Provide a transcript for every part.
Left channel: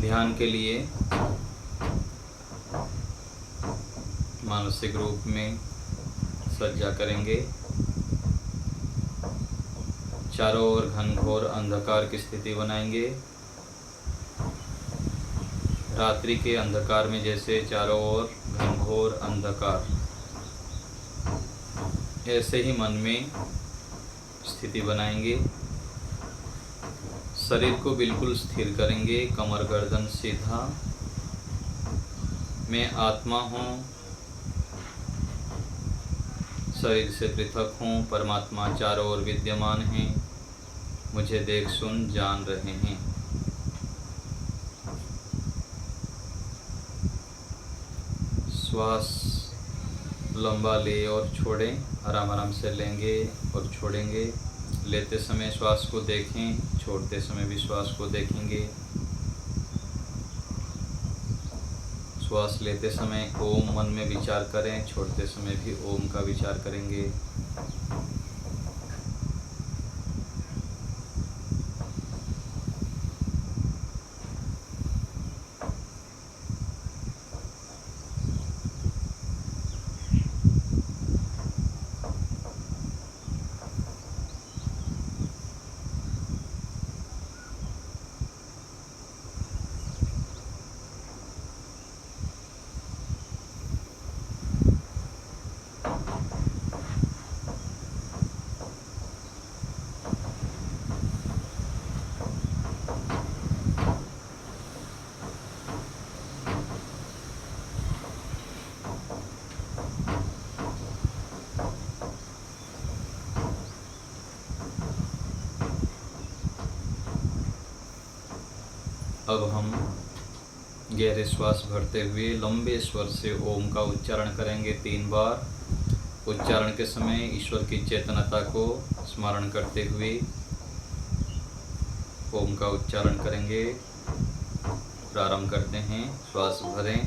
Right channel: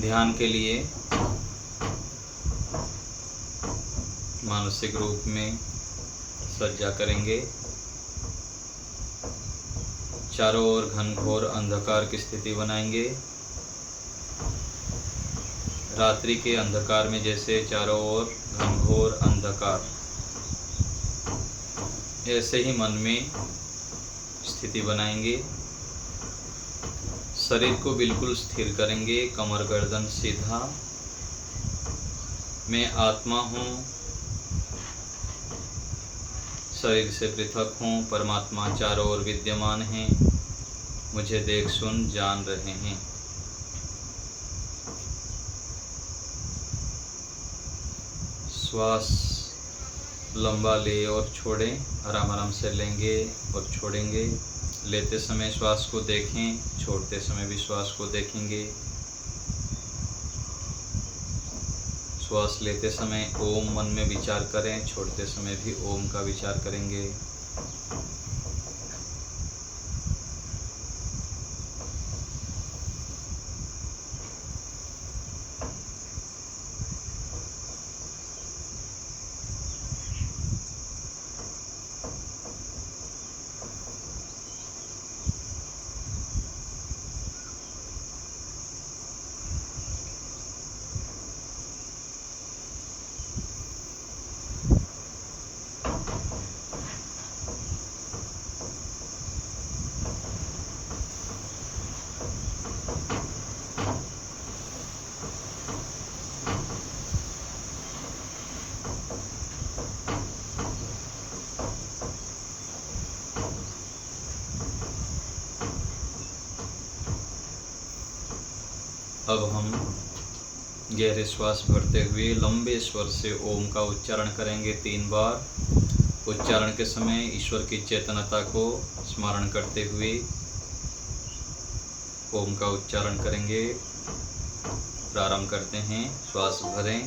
ध्यान के लिए मानसिक रूप में सज्जा करेंगे। चारों ओर घनघोर अंधकार की स्थिति बनाएंगे। रात्रि के अंधकार में जैसे चारों ओर घनघोर अंधकार, ऐसे ही मन में स्थिति बनाएंगे। शरीर को बिल्कुल स्थिर करेंगे। कमर गर्दन सीधा। मैं आत्मा हूँ, शरीर से पृथक हूँ। परमात्मा चारों ओर विद्यमान हैं, मुझे देख सुन जान रहे हैं। श्वास लंबा ले और छोड़ें। आराम आराम से लेंगे और छोड़ेंगे। लेते समय श्वास को देखें, छोड़ते समय भी श्वास को देखेंगे। श्वास लेते समय ओम मन में विचार करें, छोड़ते समय भी ओम का विचार करेंगे। अब हम गहरे श्वास भरते हुए लंबे स्वर से ओम का उच्चारण करेंगे 3 बार। उच्चारण के समय ईश्वर की चेतनता को स्मरण करते हुए ओम का उच्चारण करेंगे। प्रारंभ करते हैं। श्वास भरें।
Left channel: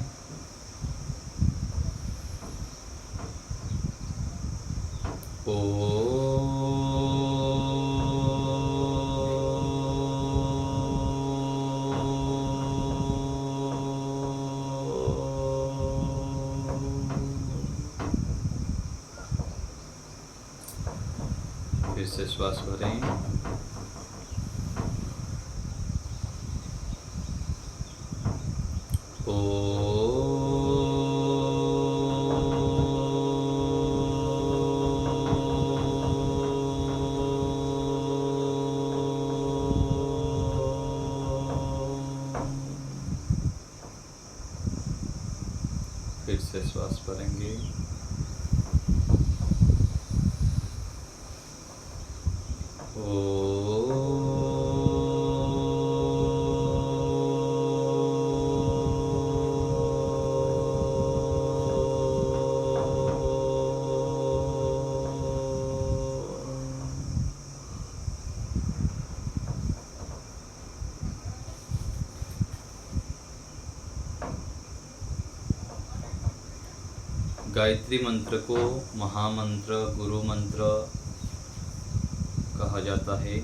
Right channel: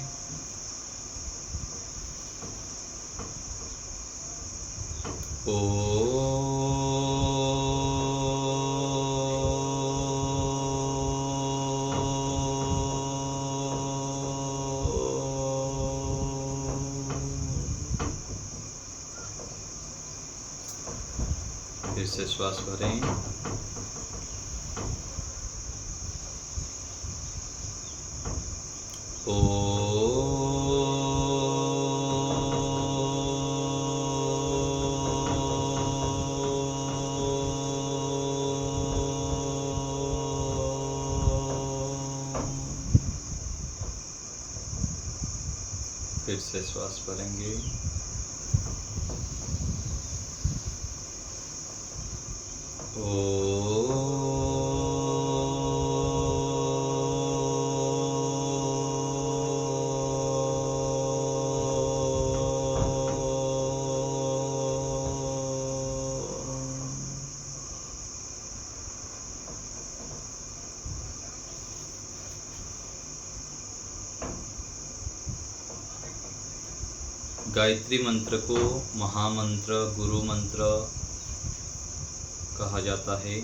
फिर से श्वास भरें। फिर से श्वास भरेंगे। गायत्री मंत्र को महामंत्र, गुरु मंत्र कहा जाता है।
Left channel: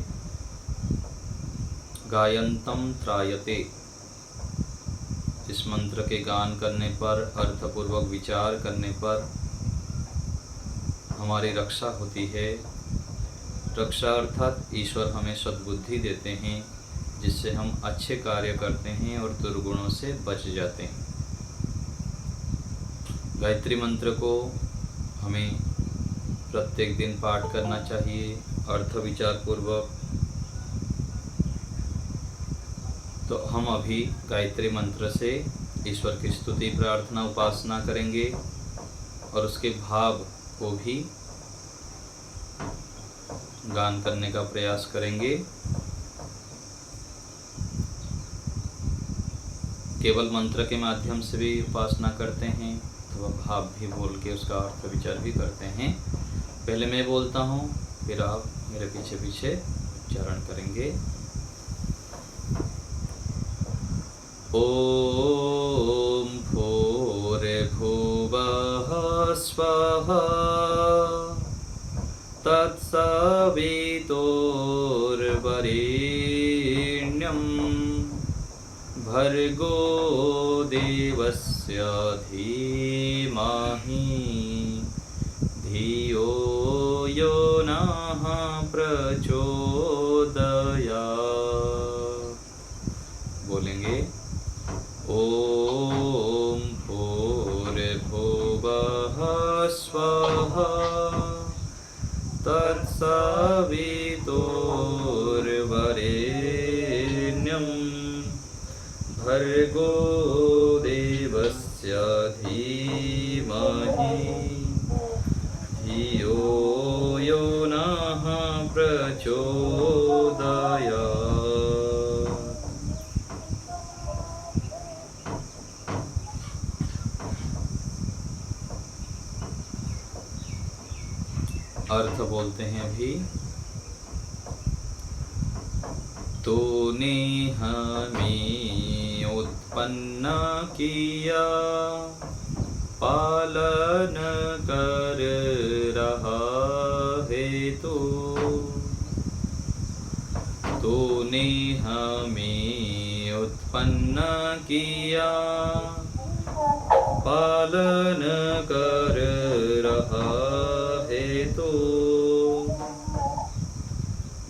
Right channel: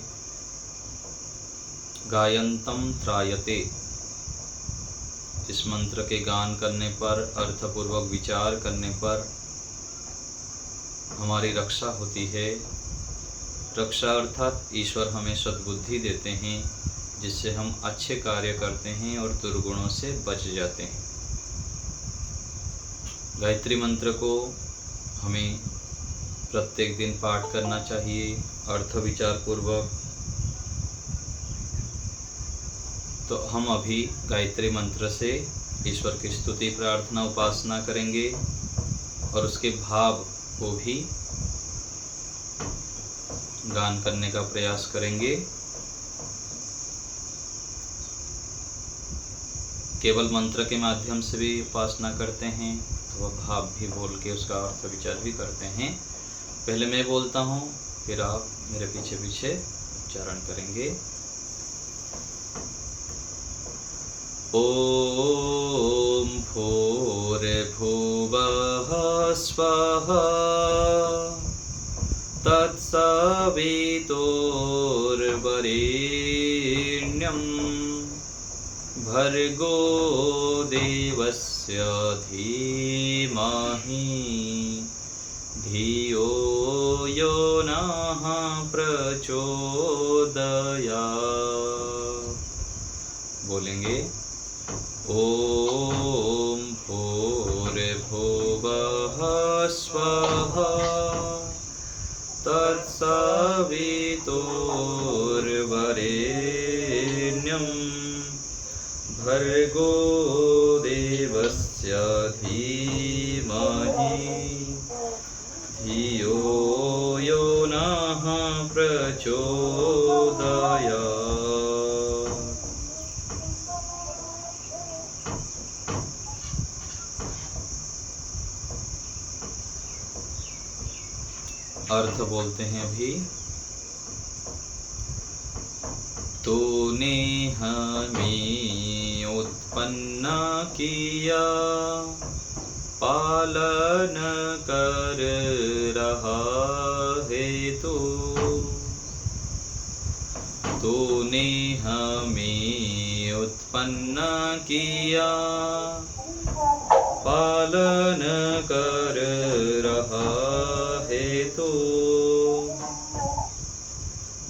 गायंतम त्रायते। इस मंत्र के गान करने पर, अर्थपूर्वक विचार करने पर हमारी रक्षा होती है। रक्षा अर्थात ईश्वर हमें सद्बुद्धि देते हैं, जिससे हम अच्छे कार्य करते हैं और दुर्गुणों से बच जाते हैं। गायत्री मंत्र को हमें प्रत्येक दिन पाठ करना चाहिए, अर्थ विचार पूर्वक। तो हम अभी गायत्री मंत्र से ईश्वर की स्तुति, प्रार्थना, उपासना करेंगे और उसके भाव को भी गान करने का प्रयास करेंगे। केवल मंत्र के माध्यम से भी उपासना करते हैं, तो भाव भी बोल के उसका अर्थ विचार भी करते हैं। पहले मैं बोलता हूँ, फिर आप मेरे पीछे पीछे उच्चारण करेंगे। ओम भूर्भुवः स्वः तत्सवितुर्वरेण्यं भर्गो देवस्य धीमहि धियो यो नः प्रचोदयात्। बोलेंगे ओम भूर्भुवः स्वः तत्सवितुर्वरेण्यं भर्गो देवस्य धीमहि धियो यो नः प्रचोदयात्। अर्थ बोलते हैं अभी। तूने हमें उत्पन्न किया, पालन कर रहा है तू। तूने हमें उत्पन्न किया, पालन कर रहा है तो।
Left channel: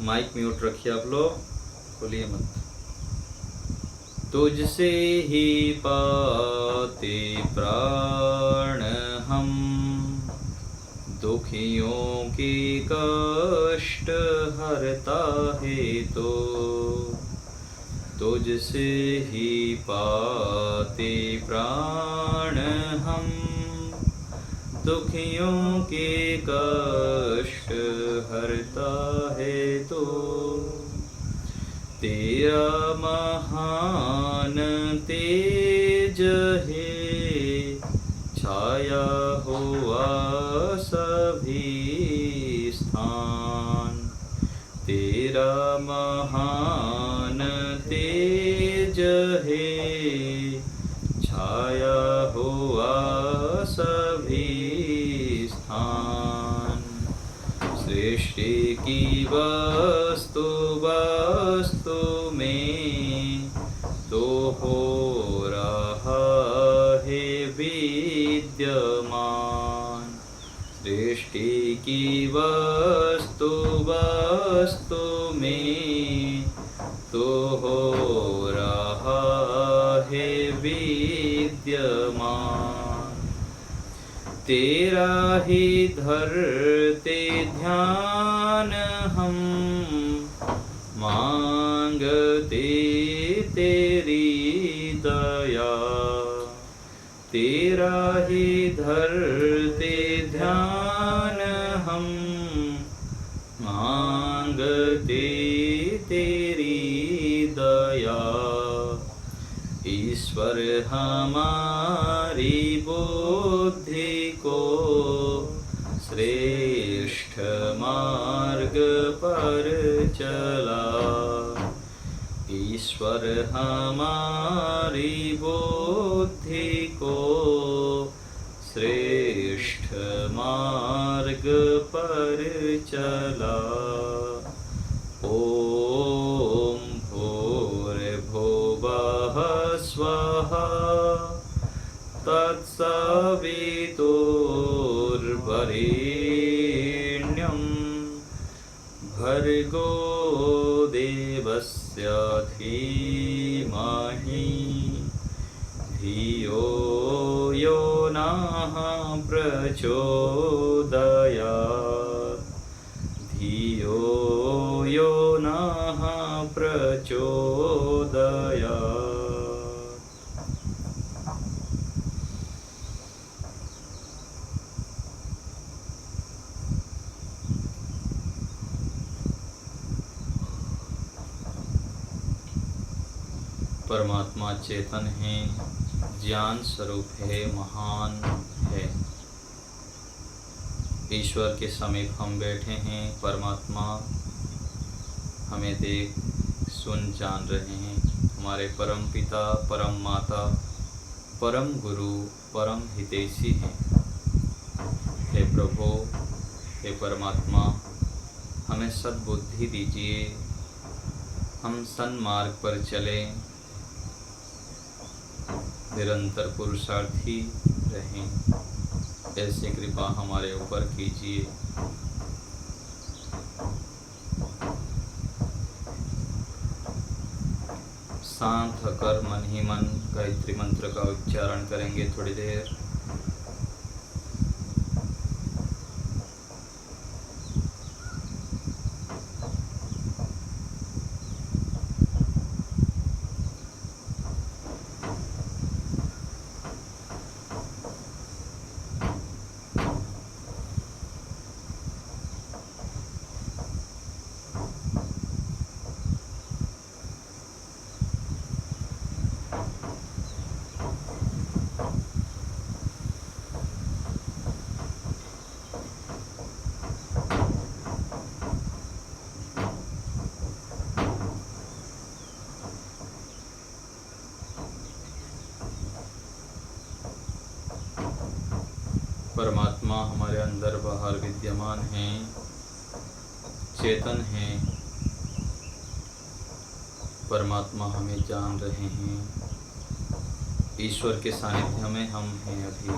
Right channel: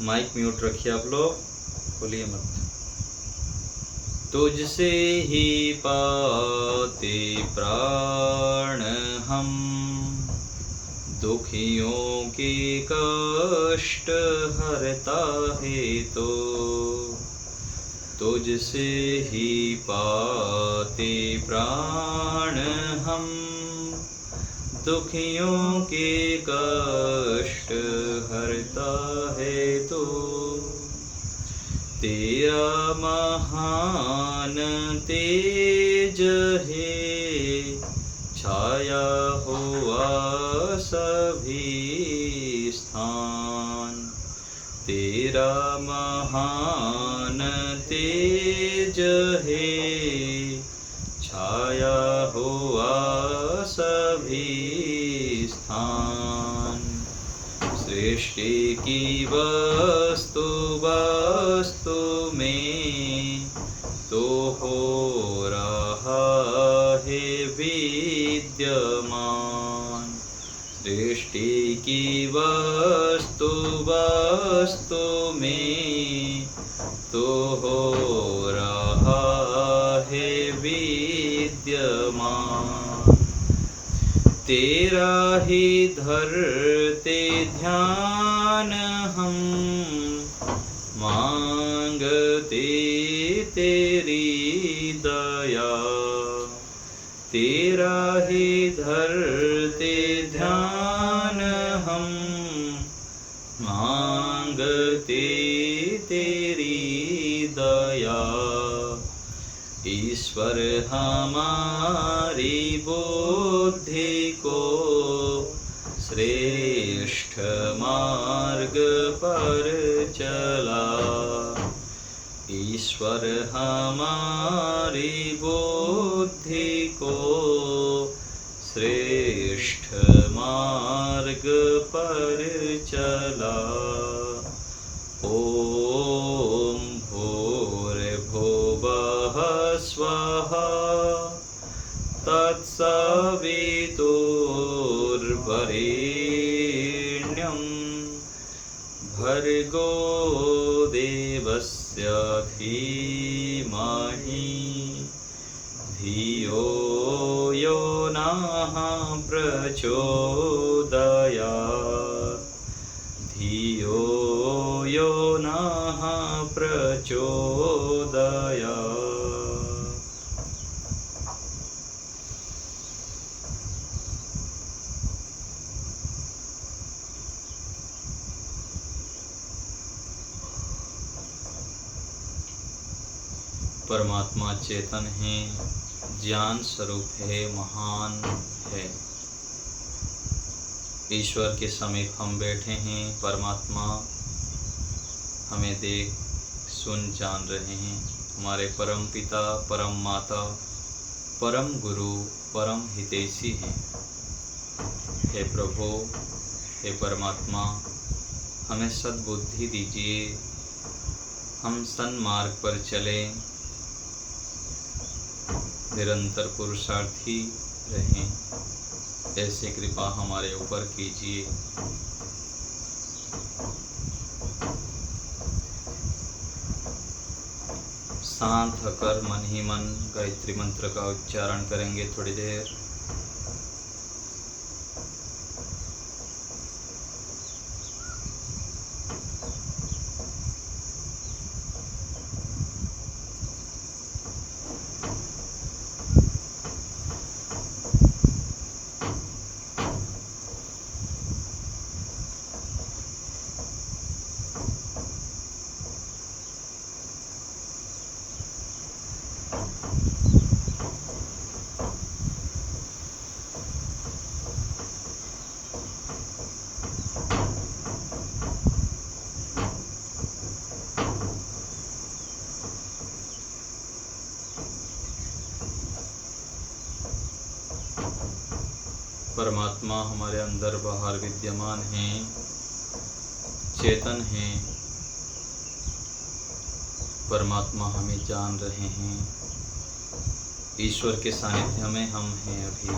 माइक म्यूट रखिए आप लोग, खोलिए मत। तुझसे ही पाते प्राण हम, दुखियों के कष्ट हरता है तो। तुझसे ही पाते प्राण हम, दुखियों के कष्ट हरता है तो। तेरा महान तेज है, छाया हुआ सभी स्थान। तेरा महान तेज है, छाया हुआ सभी स्थान। सृष्टि की वस्तु वस्तु में तो हो रहा है विद्यमान। सृष्टि की वस्तु वस्तु में तो हो रहा है विद्यमान। तेरा ही धरते ध्यान हम, मांगते तेरी दया। तेरा ही धरते ध्यान हम, मांगते तेरी दया। ईश्वर हमारी बुद्धि को श्रेष्ठ मार्ग पर चला। ईश्वर हमारी बुद्धि को श्रेष्ठ मार्ग पर चला। ओम भूर्भुवः स्वः तत्सवितुर्वरेण्यं भर्गो देवस्य धीमहि धियो यो नः प्रचोदयात्। धियो यो नः प्रचोदयात्। परमात्मा चेतन है, ज्ञान स्वरूप है, महान है। ईश्वर के समीप हम बैठे हैं। परमात्मा हमें देख सुन जान रहे हैं। हमारे परम पिता, परम माता, परम गुरु, परम हितैषी हैं। हे प्रभु, हे परमात्मा, हमें सद्बुद्धि दीजिए, हम सन्मार्ग पर चलें, निरंतर पुरुषार्थी रहें, ऐसी कृपा हमारे ऊपर कीजिए। शांत होकर मन ही मन गायत्री मंत्र का उच्चारण करेंगे थोड़ी देर। परमात्मा हमारे अंदर बाहर विद्यमान हैं, चेतन हैं। परमात्मा हमें जान रहे हैं। ईश्वर के सानिध्य में हम हैं अभी।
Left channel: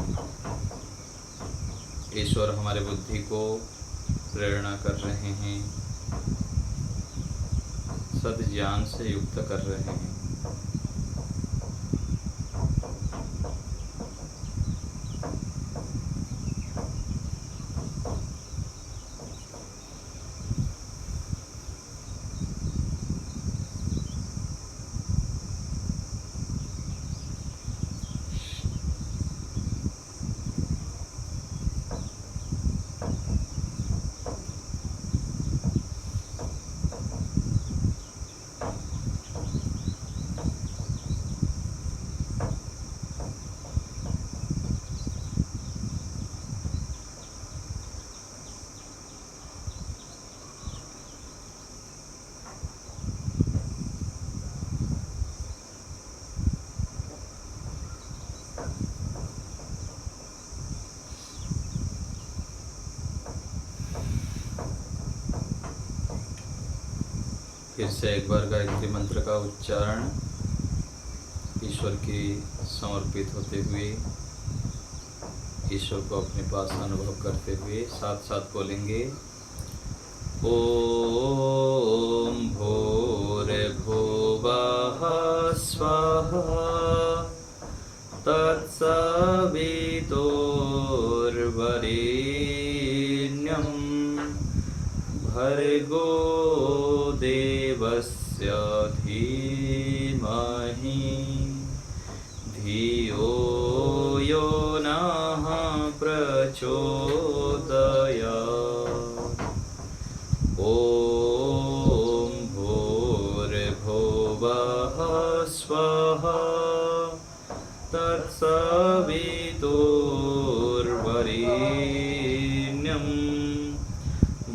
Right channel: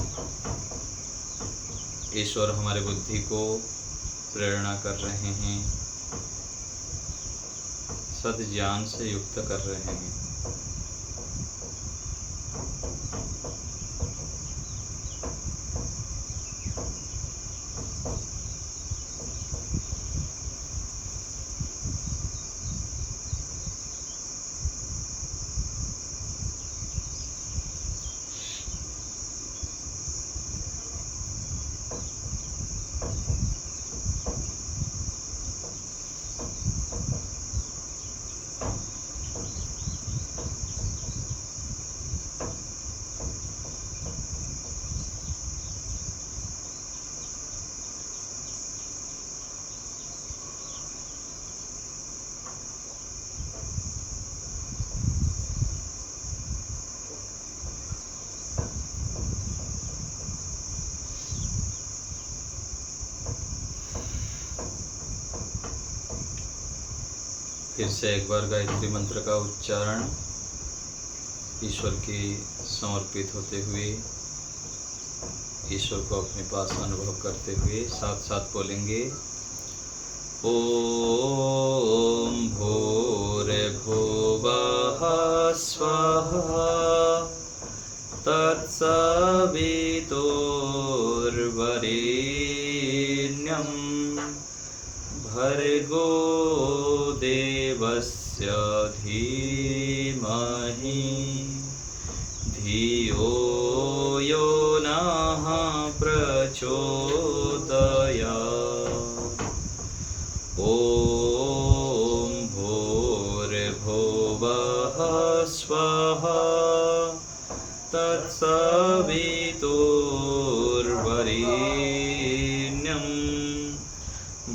ईश्वर हमारे बुद्धि को प्रेरणा कर रहे हैं, सद ज्ञान से युक्त कर रहे हैं। फिर से एक बार गायत्री मंत्र का उच्चारण ईश्वर की समर्पित होते हुए, ईश्वर को अपने पास अनुभव करते हुए साथ साथ बोलेंगे। ओम भूर्भुवः स्वः तत्सवितुर्वरेण्यं भर्गो देवस्य धीमहि धियो यो नः प्रचोदयात्। ॐ भूर्भुवः स्वः तत्सवितुर्वरेण्यं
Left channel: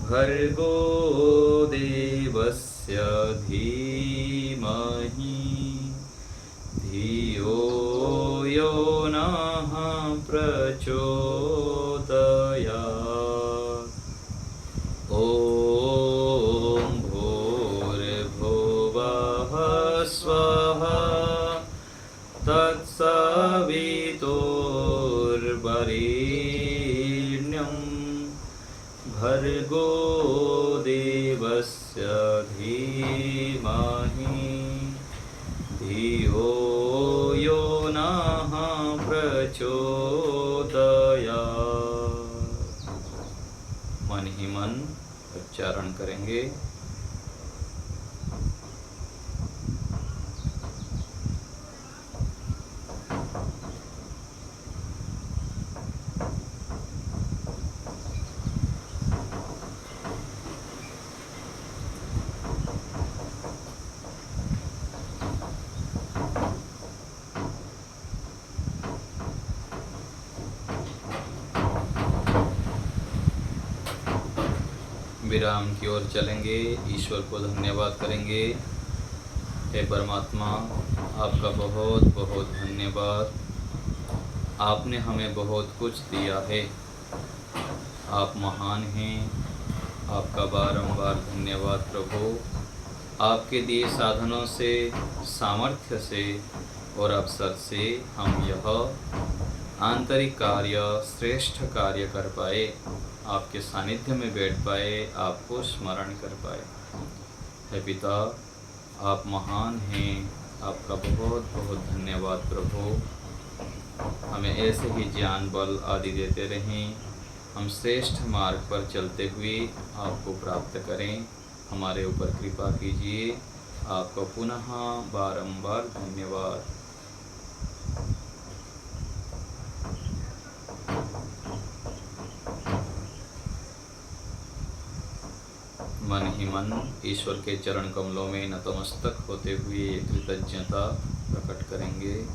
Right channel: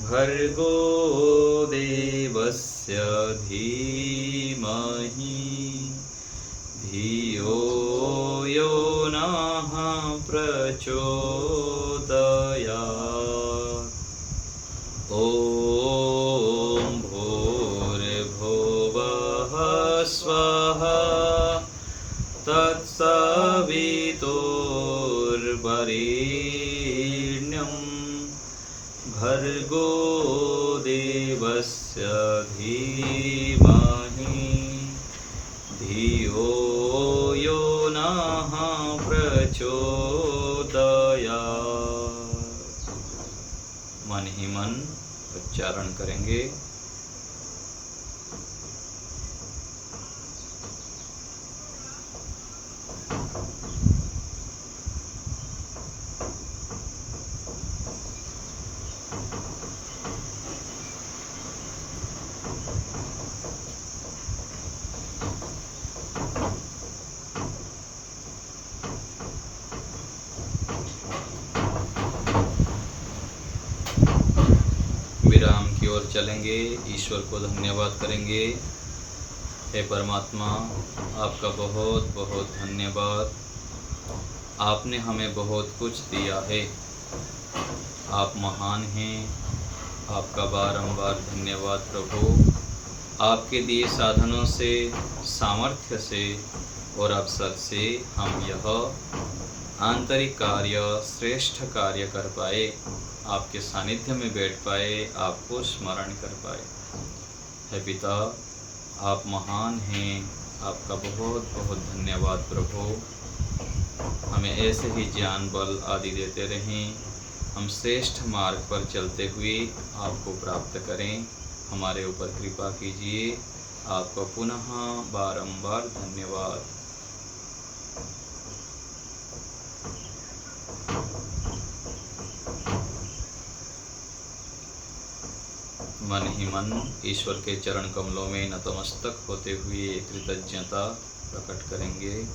भर्गो देवस्य धीमहि धियो यो नः प्रचोदयात्। ॐ भूर्भुवः स्वः तत्सवितुर्वरेण्यं भर्गो देवस्य धीमहि धियो यो नः प्रचोदयात्। मन ही मन उच्चारण करेंगे। विराम की ओर चलेंगे, ईश्वर को धन्यवाद करेंगे। हे परमात्मा, आपका बहुत बहुत धन्यवाद। आपने हमें बहुत कुछ दिया है। आप महान हैं। आपका बारंबार धन्यवाद प्रभु। आपके दिए साधनों से, सामर्थ्य से और अवसर से हम यह आंतरिक कार्य, श्रेष्ठ कार्य कर पाए, आपके सानिध्य में बैठ पाए, आपको स्मरण कर पाए। हे पिता, आप महान हैं, आपका बहुत बहुत धन्यवाद प्रभु। हमें ऐसे ही ज्ञान बल आदि देते रहें, हम श्रेष्ठ मार्ग पर चलते हुए आपको प्राप्त करें। हमारे ऊपर कृपा कीजिए। आपका पुनः बारंबार धन्यवाद। मन ही मन ईश्वर के चरण कमलों में नतमस्तक होते हुए कृतज्ञता प्रकट करेंगे।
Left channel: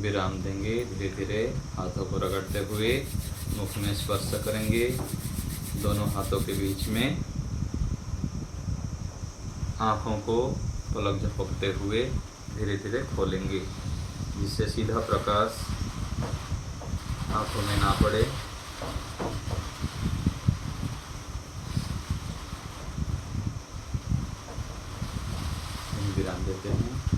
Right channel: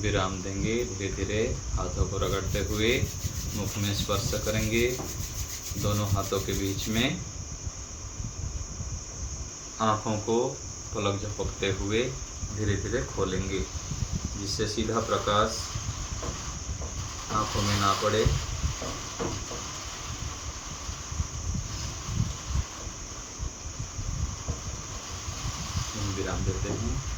विराम देंगे। धीरे धीरे हाथों को रगड़ते हुए मुख में स्पर्श करेंगे। दोनों हाथों के बीच में आँखों को पलक झपकते हुए धीरे धीरे खोलेंगे, जिससे सीधा प्रकाश आँखों में ना पड़े। विराम देते हैं।